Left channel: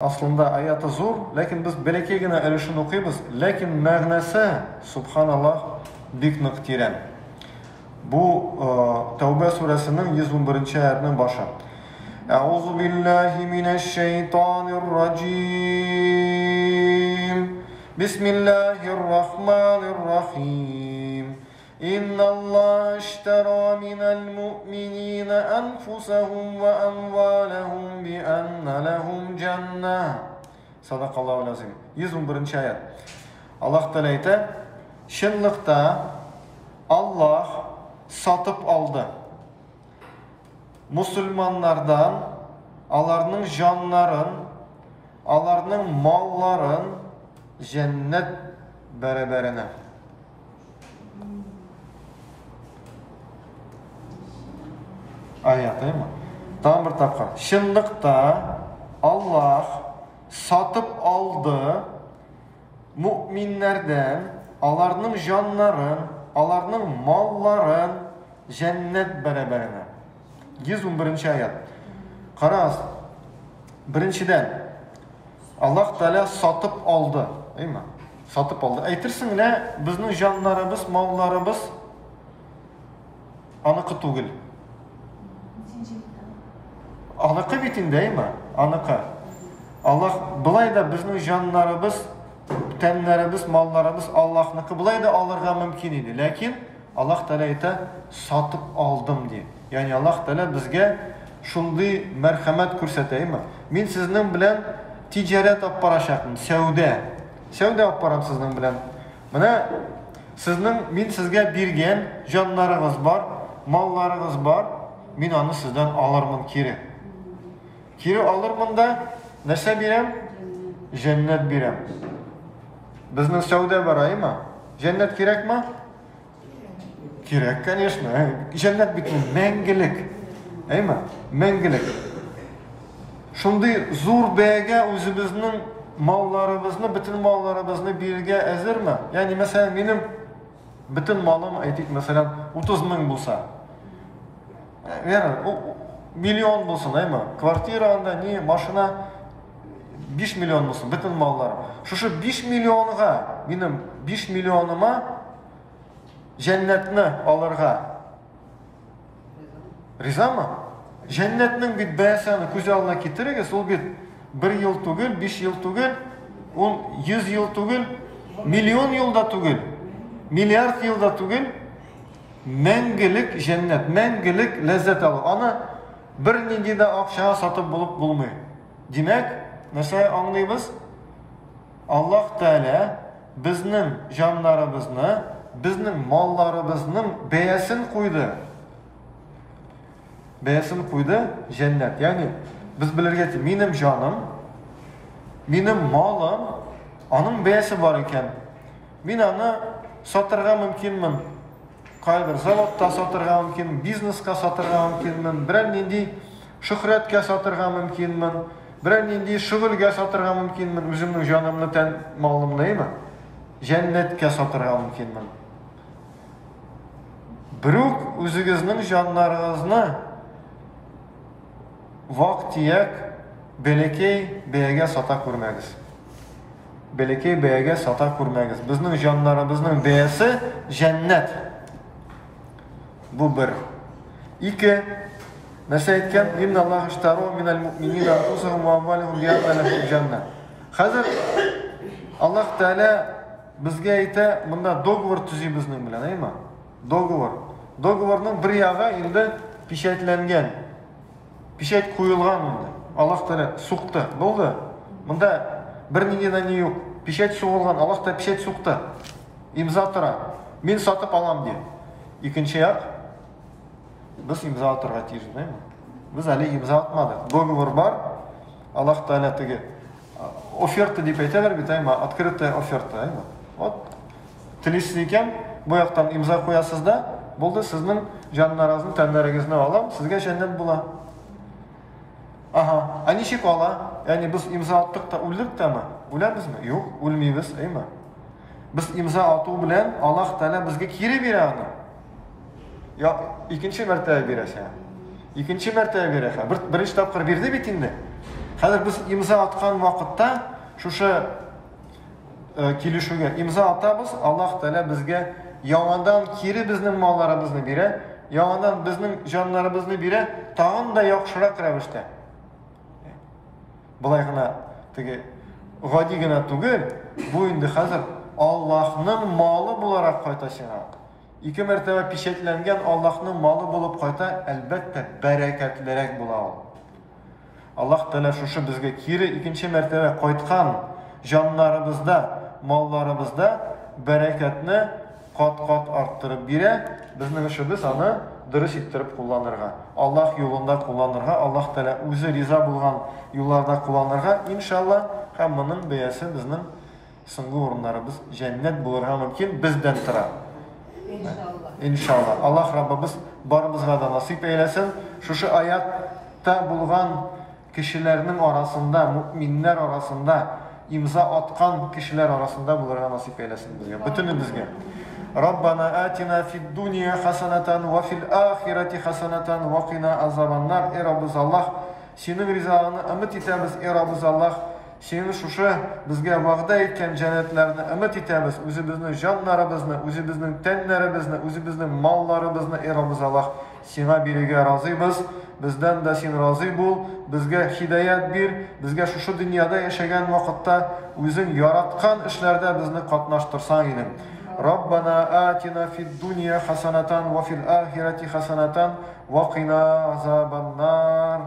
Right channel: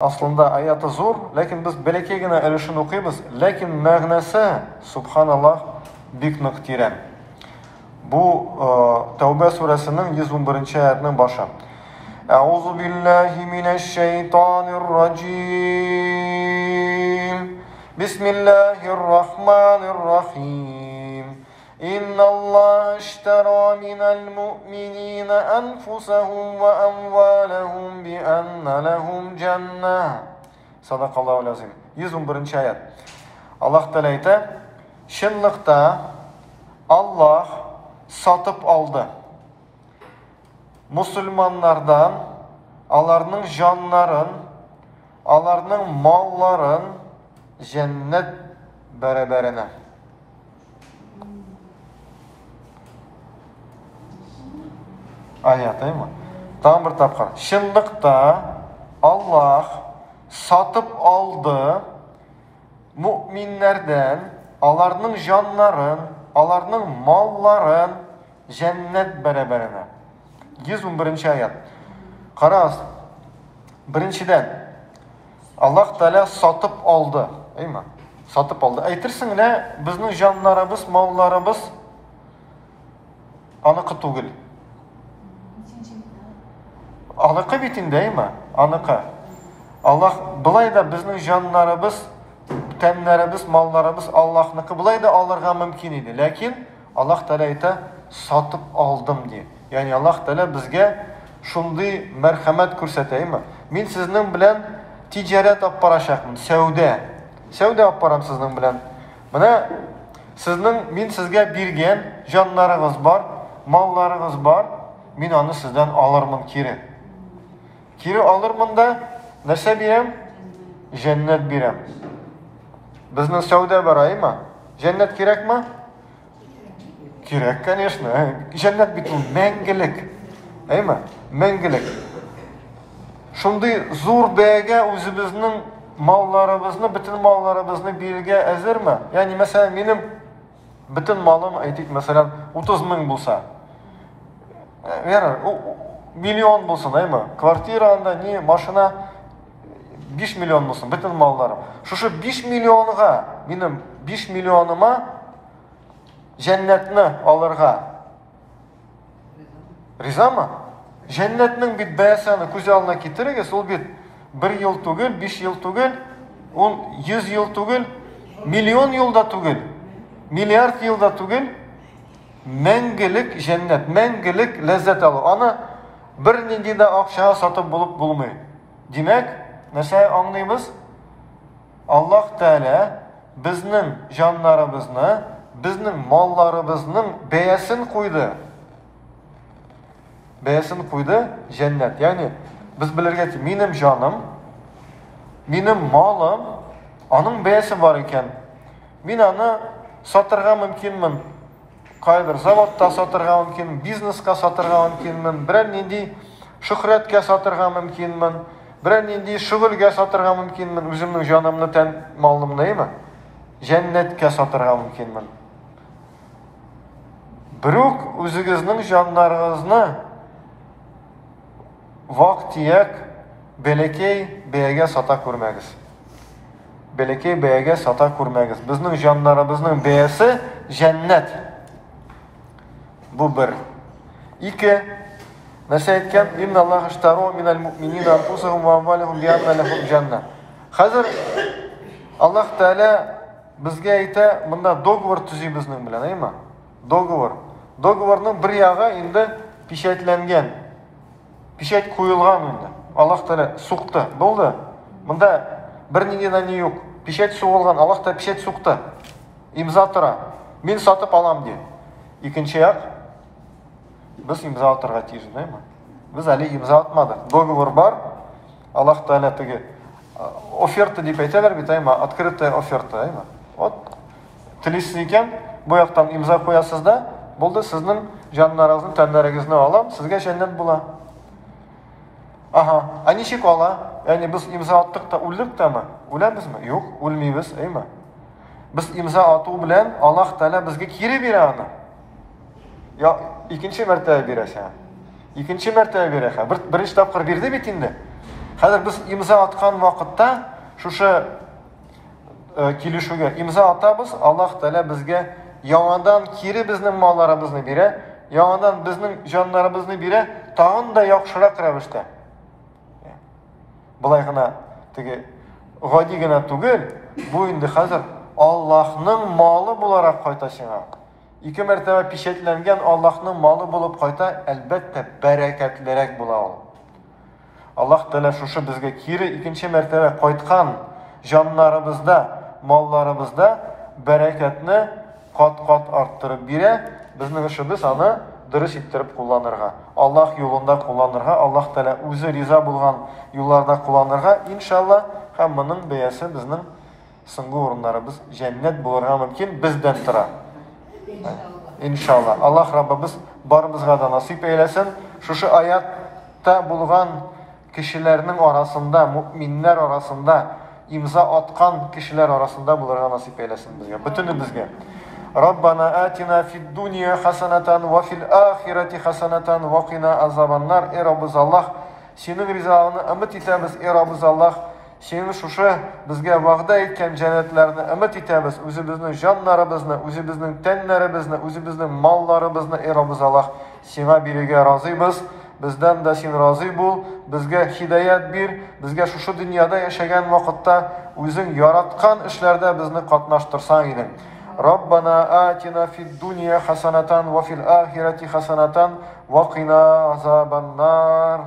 Aslında ayatı zor, lakin biz belekegine erişini okuyuz. Lakin мәгънәсе, subhanallah, bik нык тирән. Bu Tevbe suresinin 111. ayetinin başı. Euzu billahi mineşşeytanirracim. Bismillahirrahmanirrahim. إن الله اشترى من المؤمنين أنفسهم وأموالهم بأن لهم جنة. صدق الله العظيم. 111. ayet. Allah Teala ayta, şınlıkta Allah satıp aldı. Müslümanlardan alarının canların, alarının malların cennet beraberine. Ayet değil mi? Tam bir tapkar. Şınlıkta Allah satıp aldı müminlerden alarının canların, alarının malların cennet beraberine. 111. ayet. Karaz. Birinciden Allah Teala satıp aldı. Değil mi? Satıp aldı. Aytırsın ne? Bizning canlarımız, mallarımız anıkı tugul. Anıkı bitin değil mi? Anıkı. Allah bulay da bizning canlarımız, tenlerimiz, mallarımız Allah'nıkı bulay da alırga mümkün idi. Lakin Allah Teala ayta satıp aldım diye. Yani Allah Teala bizge şunday merhamet ko'rsataymi? Men sizning bilan ticaret olib borashaqman, savdo. Savdo olib boram sizning bilan. Mana sizning men sizga bergan jonlaringiz bor, mollaringiz bor. Men uni sizdan olirman kiri. Kiri olirman da narsa berem? Cennet berem. Bizning savdo boraymi? Cennet kerakmi? Kerak, конечно. Cennet bitu mengilik. Aymi? Mengilik. Shunday zo'r bayaga o'zimizning mollarimizni, bütün mollarimizni berga azirmi? Ya'ni masalan mening bütün molim aytaylik masalan 30 ming bo'lsa. Milyon bo'lsin, aymi? Kvartiranda ne, mashina 5 milyon bo'lsin, bütün mollarim. Shu 5 milyonga, mening 5 milyonima jannatni olirga rizami? Jannatning bit bayasini ko'z oldina keltirga, sol bit 1 yil tugul, 5 yil tugul, 100 yil tugul, milyon yilda tugul, milyard yilda tugul, mengilik jannat, mengilik lazzat alır. Ana bir nindida aqsha sotib bo'lib bo'lmaydi. Demak, narsa anglaymiz? Allah Teala bizning jonlarimizni, bizning mollarimizning bayasini qo'ydi. Bayasini qo'ydi jannat. Ya'ni biz bilargaki mening jonim, mening molim, onun bayasi bor ekan. Men uni sotirga mumkinman. Qaydir zavodda sotirga mumkin, biznesga sotirga mumkinman, bir nindi shuhratga sotirga mumkinman, bir nindi shug'ulga sotirga mumkinman, o'zimning jonimni tan molimni emas, jannatga sotirga mumkinman. Biroq o'zingizning jonlaringizni vaqtiyak belekey bayaga sota ko'rmagiz. Belekey bayaga sota ko'rmagiz. Bizning jonlarimizning bayasi jannat. Bu bir. İki, nasıl etken? İnna Allah iştaru minel mu'minina anfusahum ve amvalahum bi'anna lahum cennet. Hazır Allah Teala bizga ayta, bunda dogovor tuzi bizning bilan, aymi? Dogovor. Dogovorning bir yog'i endi peshaytlangan. Peshat qo'yilgan unda. Allah Teala suqdi, bo'ldi. Bunda bir ningidan yo'q. Peshat so'g'ilgan, Allah Teala peshat suqdi. İmza tura. Men sotib olam diye. İkinci yak, biz imza atarga tiyishmiz, mi? Biz hali imza atmadik. Dogovor var. Allah Teala tege oferta deb aytadilar, bitaymi? Открытая oferta, mi? Ot tilisiz ekan, bu yoqdan imza qo'yasizda, bo'ldi, sizning jonlaringizni, tanlaringizni olam, sizga jannat bo'la. Aha, anishik ola. Ya'ni biz imza atdikda o'ldikdami? O'lamizmi? Yo'q, o'lmaymiz, mi? Biz imza atuv bilan Allah Teala bizga kiri beradi. Ya ikinci mertebe bir aşağı. İkinci mertebe bir aşağı. Birinci tapkır birde bitindi. Хәзер без имза аткан вакытта шушы килешүгә имза атабыз, Аллаһ Тәала безгә яңадан кире безнең малларыбызны бирә, яңадан безнең җаннарыбызны бирә, тагын да яхшырак рәвештә. Булай гына теге гади гына түгел, бу инде хәзер Аллаһның малы буларак кайта сиңа. Ике мәртәбә печатләнгән Аллаһның малы булып кайта, әлбәттә бәрәкәтлерәк була ул. Аллаһ Тәала шушы безгә кире икенче мәртәбә кайткан җаннарыбызда, малларыбызда бәрәкәтне кат-кат арттырып бирә. Безнең эшебез аны дөрес иттереп кулланырга, Аллаһ юлында кулланырга, Аллаһ Тәала үзе риза булган юлларда кулланырга, иншалла, һәм моның бәясе безнең соңгы урыннарыбыз җәннәт булырга мөмкин, бездән тора. Иншалла. Аллаһ Раббыбыз барыбызга да насип әйләсен. Шушы аятта булган кешеләрнең арасында, мөэминнәр арасында, имза аткан кешеләр арасында булырга насип әйләсен безгә, бөтенебезгә. Раббана атина фид дуния хасанатан ва фил ахирати хасанатан ва кина азабаннар. Раббыз Аллаһ, синең ризалыгыңны өмет итәбез, Раббыз Аллаһ. Синең шушы безгә вәгъдә иткән җәннәтләрне өмет итәбез. Үзебезнең җаннарыбызны, үзебезнең тәннәребезне, үзебезнең малларыбызны, Раббыз Аллаһ, сиңа бирергә разыйбыз. Бездән дә син разый бул, безгә хидаят бир, безгә шушы дөньяда яшәгән вакытта үзең яраткан эшләрдә безне катнаштырсаң идең. Раббана атина фид дуния хасанатан ва фил ахирати хасанатан ва кина азабаннар.